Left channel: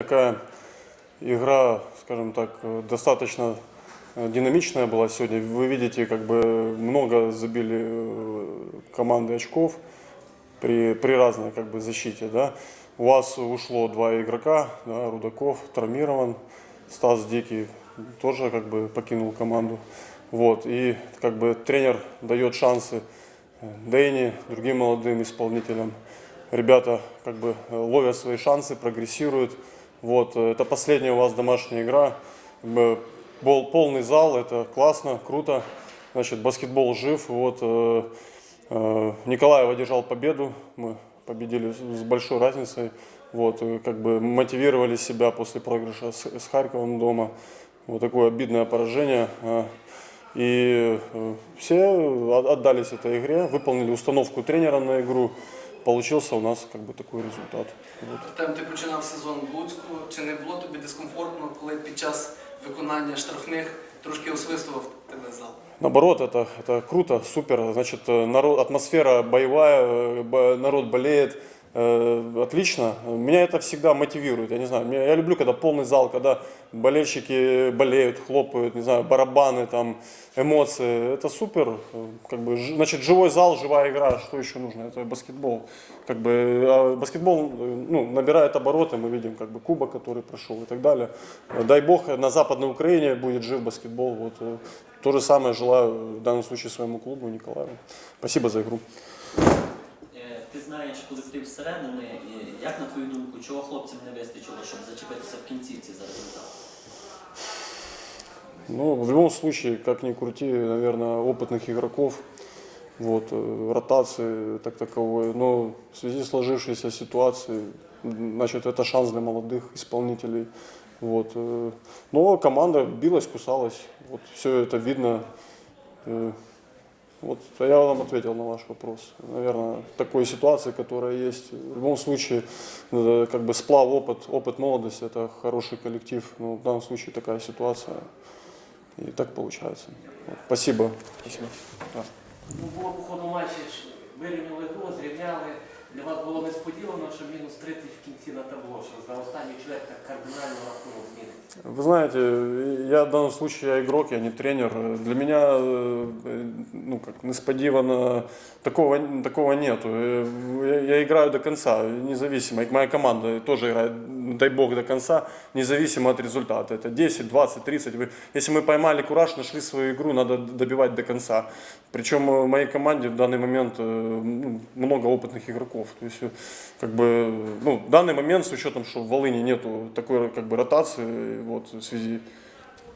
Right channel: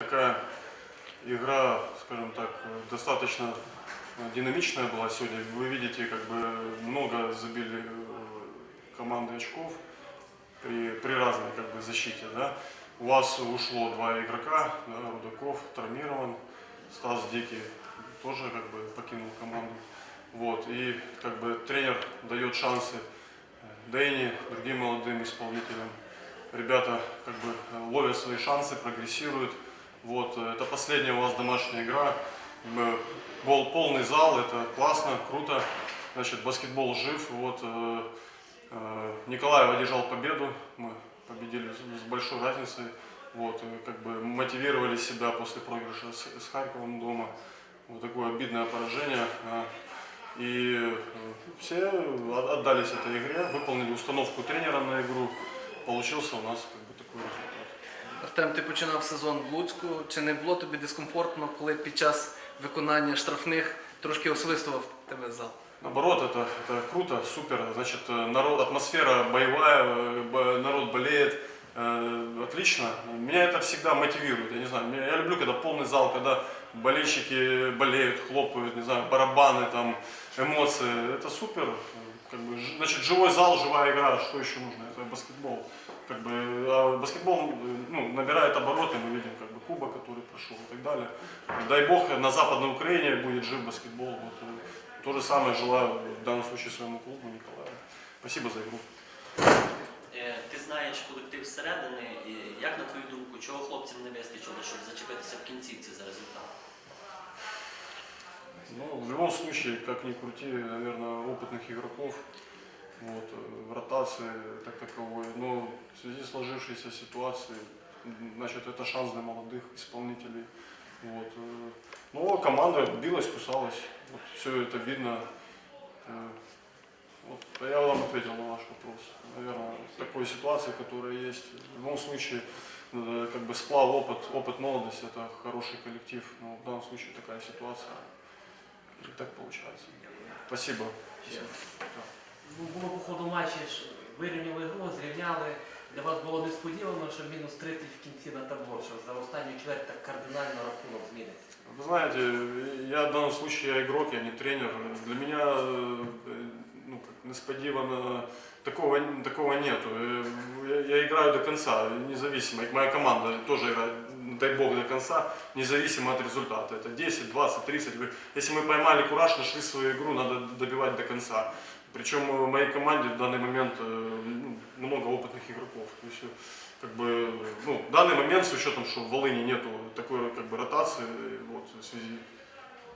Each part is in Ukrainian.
Такая игра, скажем так, достаточно динамичная была сегодня. Вы видите, как бы много забили команды очков при, при разной как бы, защите. Да? У вас ушло два игрока, да, Рудаков травмирован, Стас Дикий тоже как бы покинул команду. Вот, и как бы тренер дает шансы э, Дэйни, другим молодым исполнителям. Ребята как бы ловят свои шансы, прогрессируют. Вот, э, это последняя у вас домашняя игра. Был полный зал, это классно, круто. Значит, баскетбол жив. Вот, э, э, Николаев одержал победу. Мы победили с большой разницей. Вот, как бы мотивировали себя после проигрыша с, с Харьковом дома. Вот такое обидное поражение. И все от- отдались этой игре, выполнили установку тренера на игру. Получился у нас как бы такой результат. Артем, ти починав сезон в Луцьку. Чи не було тобі дискомфортно, коли під час виконання штрафних трошки освистував тебе зал? Наоборот, это, это круто, супер. Значит, э, народ, атмосфера боевая, э, народ болеет. э, Отлично. Меня это всегда мотивирует. Я не знаю, я люблю, когда полный зал, когда болельщики болеют, хлопают, не знаю, барабаны, там, эмоции. Это супер. Э, Как бы, значит, живой зал, живая игра. Что еще нужно? Это баскетбол. Как бы, а баскетбол э, ну, набирает обороты, мы видим как бы кубок, который прошел и так далее. Э, Дай бог на Западной Украине будет жив баскетбол. Вот, э, то же самое желаю в данном случае своему клубу Николаю. Спасибо за игру. Е, Ти знаєш колектив зсередини, як на твою думку, чого хлопцям не вистачило, щоб зачепитися в кінцівці за результат? Ну, в любом случае, как ни крути, наверное, опытных игроков, вот, э, ротации так таковой. Но в связи с сложившейся ситуацией, м, значит, это шанс для молодых исполнителей. Вот. э, Но команда билась, кусалась. Вот все это видно. Э, Вот а я вам ответил на ваш вопрос. Наверное, такой ситуации, которая есть. В любом случае, э, как бы сплав опыт, опыт молодости, это хороший коллектив. Но в данном случае такая ситуация. И так получается. Вот. Спасибо. Спасибо. Да. Ну, було по ходу матчі ж вирівняли гру, зрівняли. Для вас було несподівано, що мінус 30 в кінці на табло, що за останній чверть так кардинально рахунок зміниться. Вы знаете, я в данном случае я игрок, я не тренер. Для меня, э, ну как, несподивано, такого, такого нету. Э, Я, я играю до конца, независимо. И моя команда тоже играет, дай бог, до конца, независимо от результата. Это 10, 20, 30. Вы- Если мы поймали кураж, нашли свою игру, надо добивать до конца. Причем э, в моей команде в данный момент э, ну, много опытных игроков. То есть, э, как бы, ну, в данный момент, с учетом, что в Волыне нету такой как бы ротации, вот, в связи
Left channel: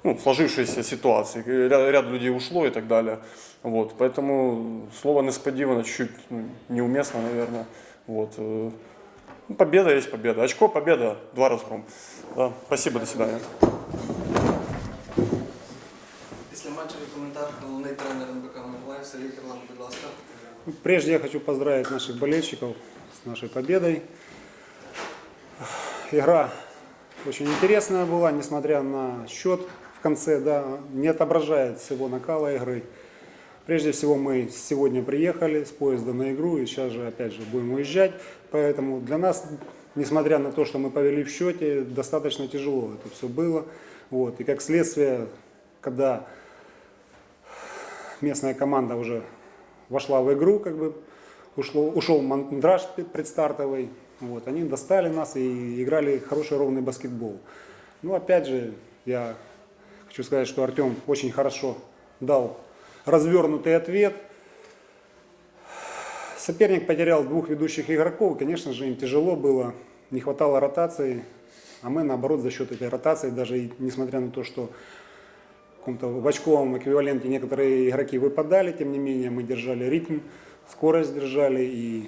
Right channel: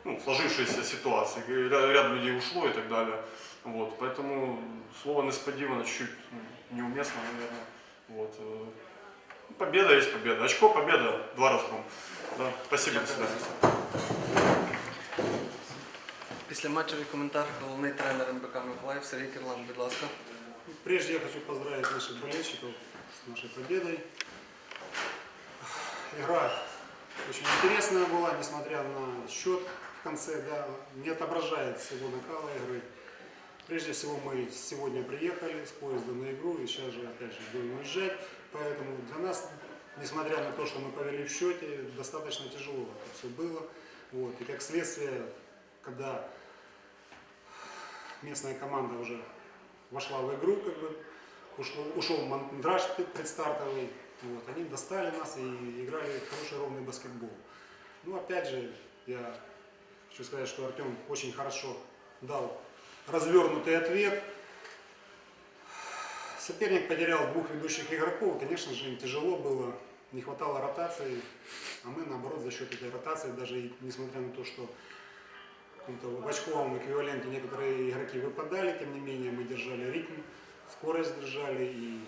ну, сложившейся ситуации, э, ряд, ряд людей ушло и так далее. Вот, поэтому слово несподивано чуть-чуть ну, неуместно, наверное. Вот, э, ну, победа есть победа. Очко, победа, два разгром. Да, спасибо, до свидания. Після матчевий коментар головний тренер МБК Миколаїв Сергій Кирлан, будь ласка. Прежде я хочу поздравить наших болельщиков с нашей победой. Игра очень интересная была, несмотря на счет в конце, да, не отображает всего накала игры. Прежде всего мы сегодня приехали с поезда на игру и сейчас же опять же будем уезжать. Поэтому для нас, несмотря на то, что мы повели в счете, достаточно тяжело это все было. Вот. И как следствие, когда местная команда уже вошла в игру, как бы ушло, ушел мандраж предстартовый. Вот, они достали нас и играли хороший ровный баскетбол. Ну, опять же, я хочу сказать, что Артем очень хорошо дал развернутый ответ. Соперник потерял двух ведущих игроков. Конечно же, им тяжело было, не хватало ротации. А мы, наоборот, за счет этой ротации, даже несмотря на то, что каком-то в очковом эквиваленте некоторые игроки выпадали, тем не менее мы держали ритм, скорость держали и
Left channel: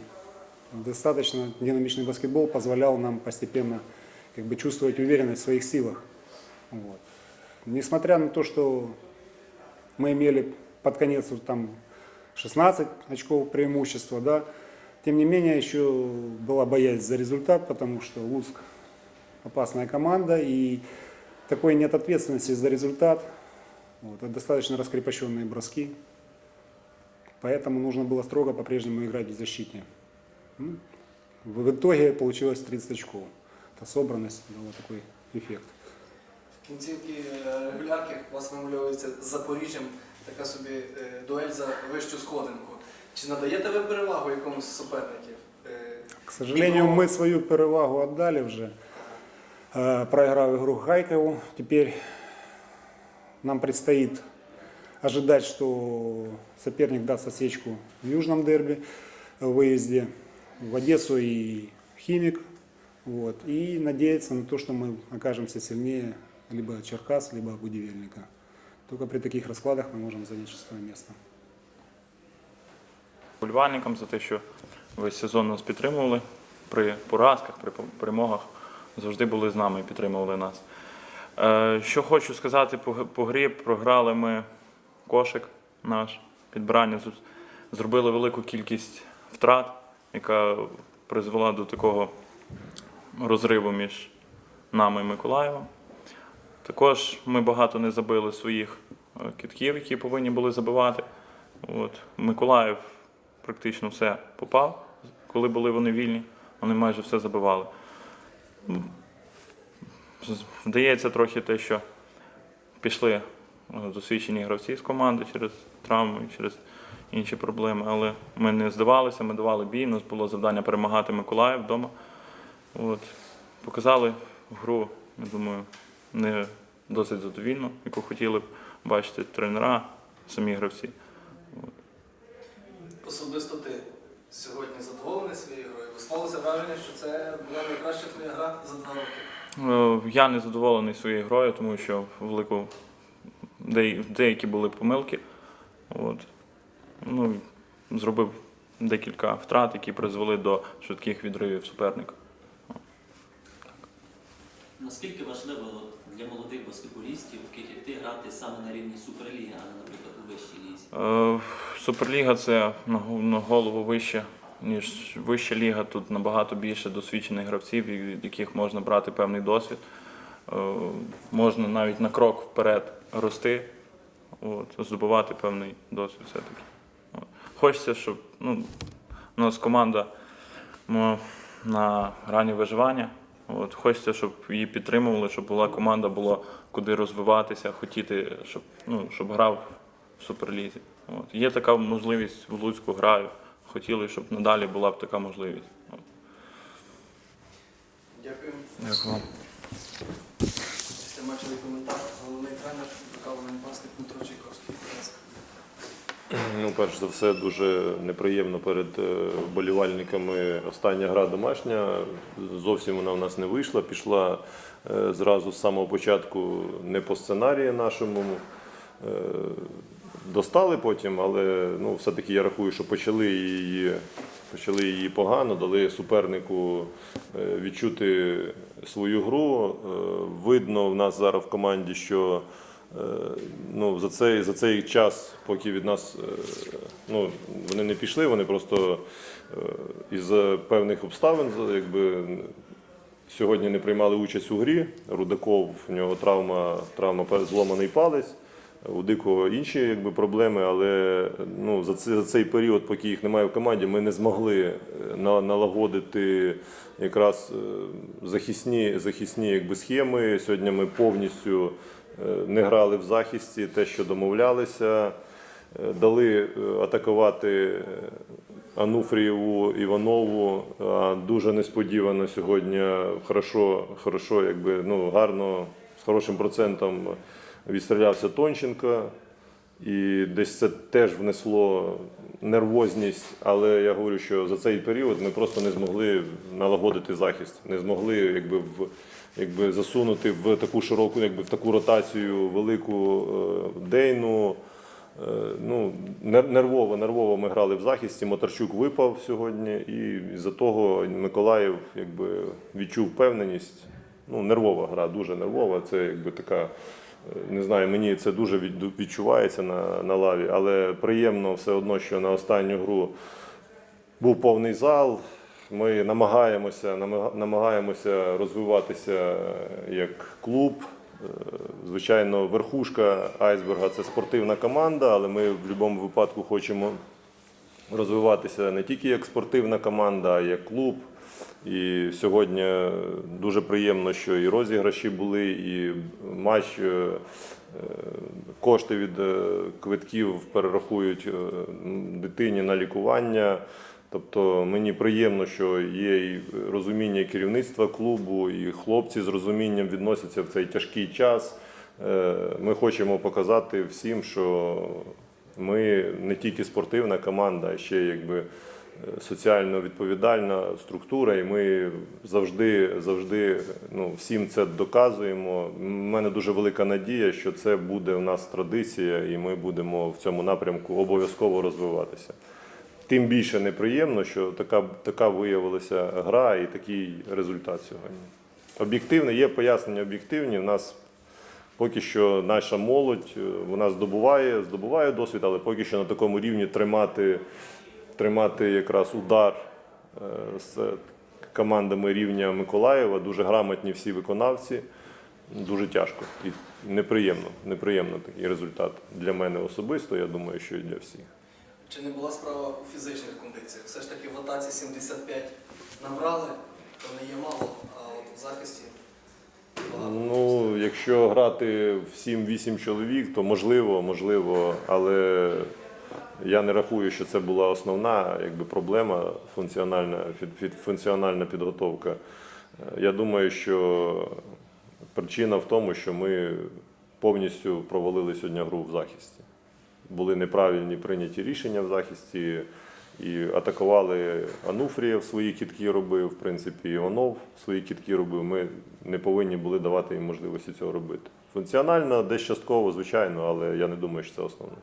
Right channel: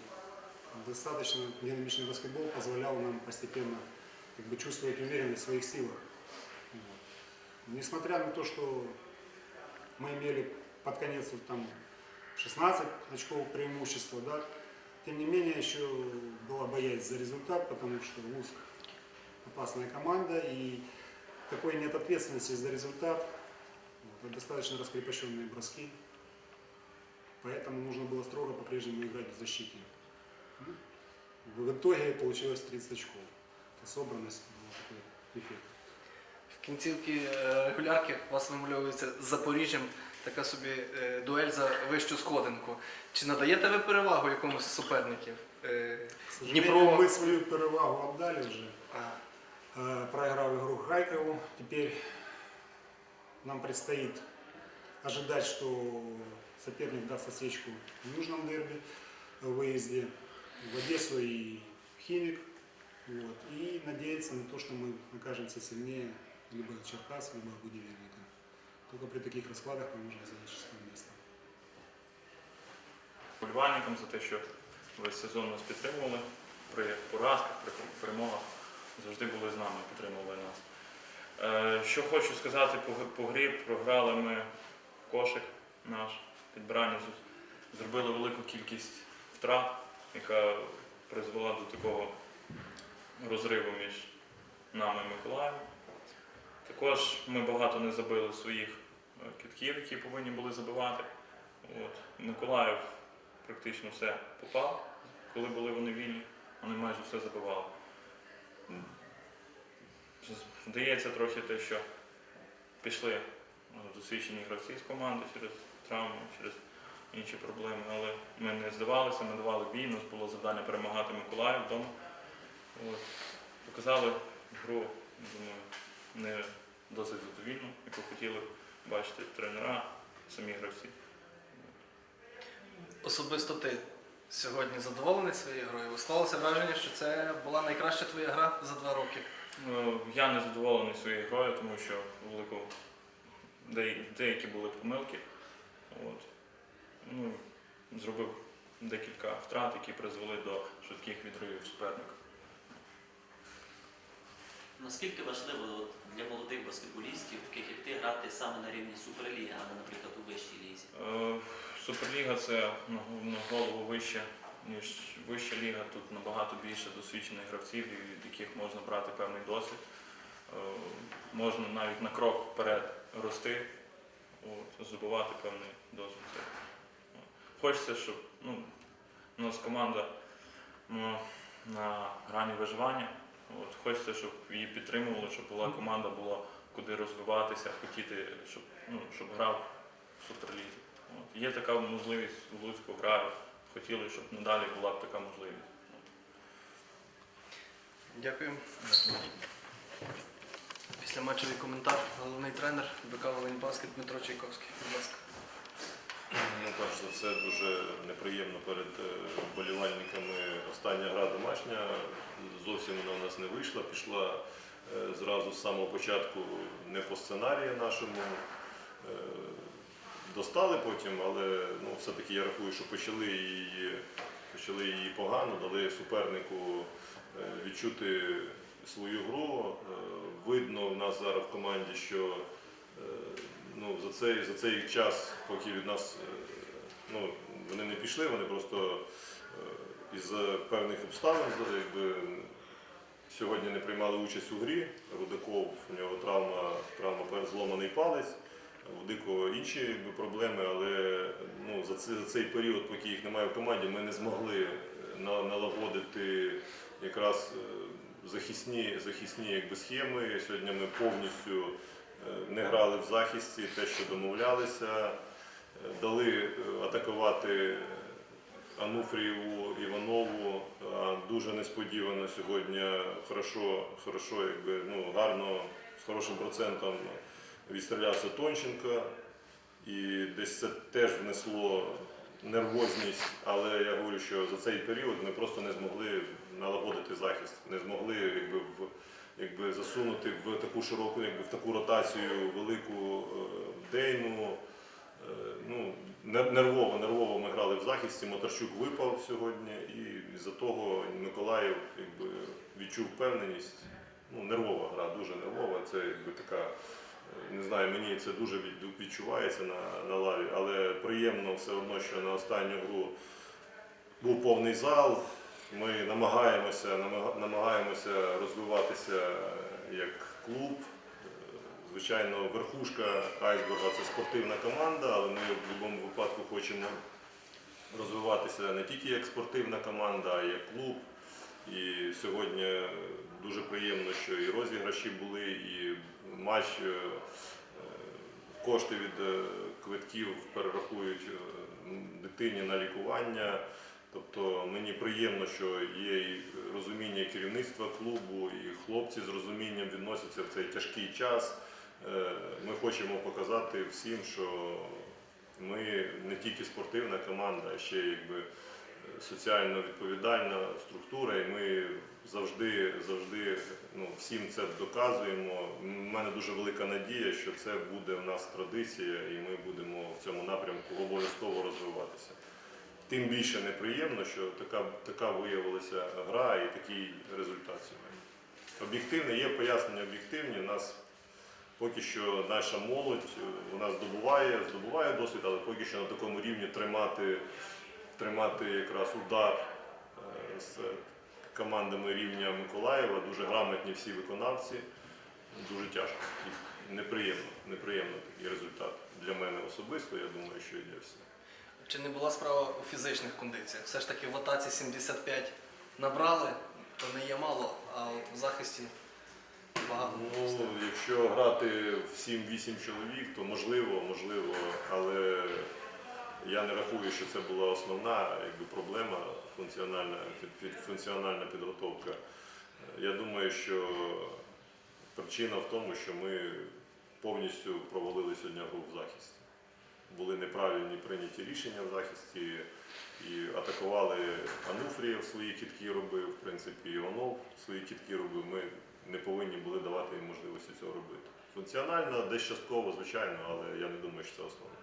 достаточно динамичный баскетбол позволял нам постепенно как бы чувствовать уверенность в своих силах. Вот. Несмотря на то, что мы имели под конец вот там 16 очков преимущества, да, тем не менее еще была боязнь за результат, потому что Луцк опасная команда и такой нет ответственности за результат. Вот, это достаточно раскрепощенные броски. Поэтому нужно было строго по-прежнему играть в защите. Ну, В в итоге получилось 30 очков. эта собранность дала такой эффект. В кінцівці е, регулярки у вас вимальовується з Запоріжжям така собі е, дуель за вищу сходинку. Чи надаєте ви перевагу якомусь з суперників? Е, К сожалению, Днепро- мы свою перевагу отдали уже, а, э, проиграв игру Хайкову. Теперь нам предстоит ожидать, что соперник даст осечку в южном дерби, э, в выезде в Одессу и Химик. Вот. И надеяться на то, что мы окажемся сильнее либо Черкас, либо Будивельника. Только при таких раскладах мы можем занять шестое место. Вболівальникам за те, що весь сезон нас підтримували при поразках, при перемогах. Завжди були з нами і підтримували нас. Е, Що хочу сказати по, грі, програли ми кошик наш, підбирання. Зробили велику кількість втрат, яка призвела до такого розриву між нами і Миколаєвом. Також ми багато не забили своїх е, китків, які повинні були забивати. От. Миколаїв практично все попав, коли були вони вільні, вони майже все забивали. З- Вдається трохи те, що пішли е, досвідчені гравці з команди через травми, через інші проблеми, але ми не здавалися, ми давали бій, у нас було завдання перемагати Миколаїв вдома. От. Показали гру, я думаю, не досить задовільно, яку хотіли б бачити тренера, самі гравці. Особисто ти сьогодні задоволений своєю грою? Склалося враження, що це була найкраща твоя гра за два роки. Е, Я не задоволений своєю грою, тому що велику деякі були помилки. От. Ну, зробив декілька втрат, які призвели до швидких відривів суперника. Наскільки важливо для молодих баскетболістів, таких як ти, грати саме на рівні Суперліги, а не, наприклад, у вищій лізі? Е, Суперліга це на голову вище, ніж вища ліга. Тут набагато більше досвідчених гравців, від яких можна брати певний досвід. Е, Можна навіть на крок вперед рости, от, здобувати певний досвід все-таки. Хочеться, щоб ну, у нас команда на грані виживання. От, хочеться, щоб її підтримували, щоб була команда, було куди розвиватися, хотіти, щоб, ну, щоб грав в суперлізі. От. Є така можливість в Луцьку граю. Хотіли, щоб надалі була б така можливість. Дякую. Дякую. Після матчевий коментар, головний тренер БК Волиньбаскет Дмитро Чайковський. Будь ласка. Ну, перш за все, дуже неприємно перед е, вболівальниками остання гра домашня. Зовсім вона в нас не вийшла. Пішла е, зразу з самого початку не по сценарію нашому. Достали потім, але ну, все-таки я рахую, що почали її, почали її погано, дали супернику е, відчути свою гру. Е, Видно в нас зараз в команді, що Е, ну, за, цей, за цей час, поки від нас ну, вони не пішли, вони просто із певних обставин якби, сьогодні не приймали участь у грі. Рудаков, у нього травма, травма зломаний палець. У Дикого інші якби, проблеми, але ну, за, цей, за цей період, поки їх немає в команді, ми не змогли е, на, налагодити якраз е, захисні, захисні якби, схеми. Сьогодні ми повністю е, не грали в захисті, те, що домовлялися, дали атакувати Ануфрієву Іванову. Дуже несподівано сьогодні хорошо, хорошо, якби, ну, гарно, з хорошим процентом відстрілявся Тонченко. І десь це теж внесло нервозність, але я говорю, що за цей період ми просто не змогли налагодити захист, не змогли якби, в, якби, засунути в таку широку, якби, в таку ротацію велику е, Дейну. Е, ну, нервово, нервово ми грали в захисті. Мотарчук випав сьогодні, і з-за того Миколаїв якби, відчув впевненість. Ну, нервова гра, дуже нервова. Це якби така. Не знаю, мені це дуже відчувається на, на лаві, але приємно все одно, що на останню гру був повний зал. Ми намагаємося, намагаємося розвиватися як клуб. Е, Звичайно, верхушка айсберга це спортивна команда, але ми в будь-якому випадку хочемо розвиватися не тільки як спортивна команда, а як клуб. І сьогодні дуже приємно, що і розіграші були, і матч е, е, кошти від е, квитків перерахують дитині на лікування. Тобто мені приємно, що є і розуміння керівництва клубу, і хлопці з розумінням відносяться в цей тяжкий час. Ми хочемо показати всім, що ми не тільки спортивна команда, а ще якби соціально відповідальна структура, і ми завжди, завжди ну, всім це доказуємо. У мене дуже велика надія, що це буде у нас традиція, і ми будемо в цьому напрямку обов'язково розвиватися. Тим більше неприємно, що така, така виявилася гра і такий результат сьогодні. Об'єктивно, є пояснення об'єктивні. У нас поки що наша молодь вона здобуває, здобуває досвід, але поки що на такому рівні тримати, тримати якраз удар е, з командами рівня Миколаєва. Дуже грамотні всі виконавці. Дуже тяжко і неприємно. Неприємно такий результат для мене особисто. Я думаю, що і для всіх. Чи не була справа у фізичних кондиціях? Все ж таки в атаці 75 набрали, то не є мало, а от в захисті багато. Ну, якщо грати в 7-8 чоловік, то можливо, можливо, але я не рахую, що це була основна якби, проблема функціональна, функціональна підготовка. Е, Я думаю, що причина в тому, що ми повністю провалили сьогодні гру в захисті. Були неправильні прийняті рішення в захисті. І атакували Ануфрієв свої кітки робив, в принципі, Іванов свої кітки робив. Ми не повинні були давати їм можливості цього робити. Функціонально, десь частково, звичайно, але я не думаю, що це основне.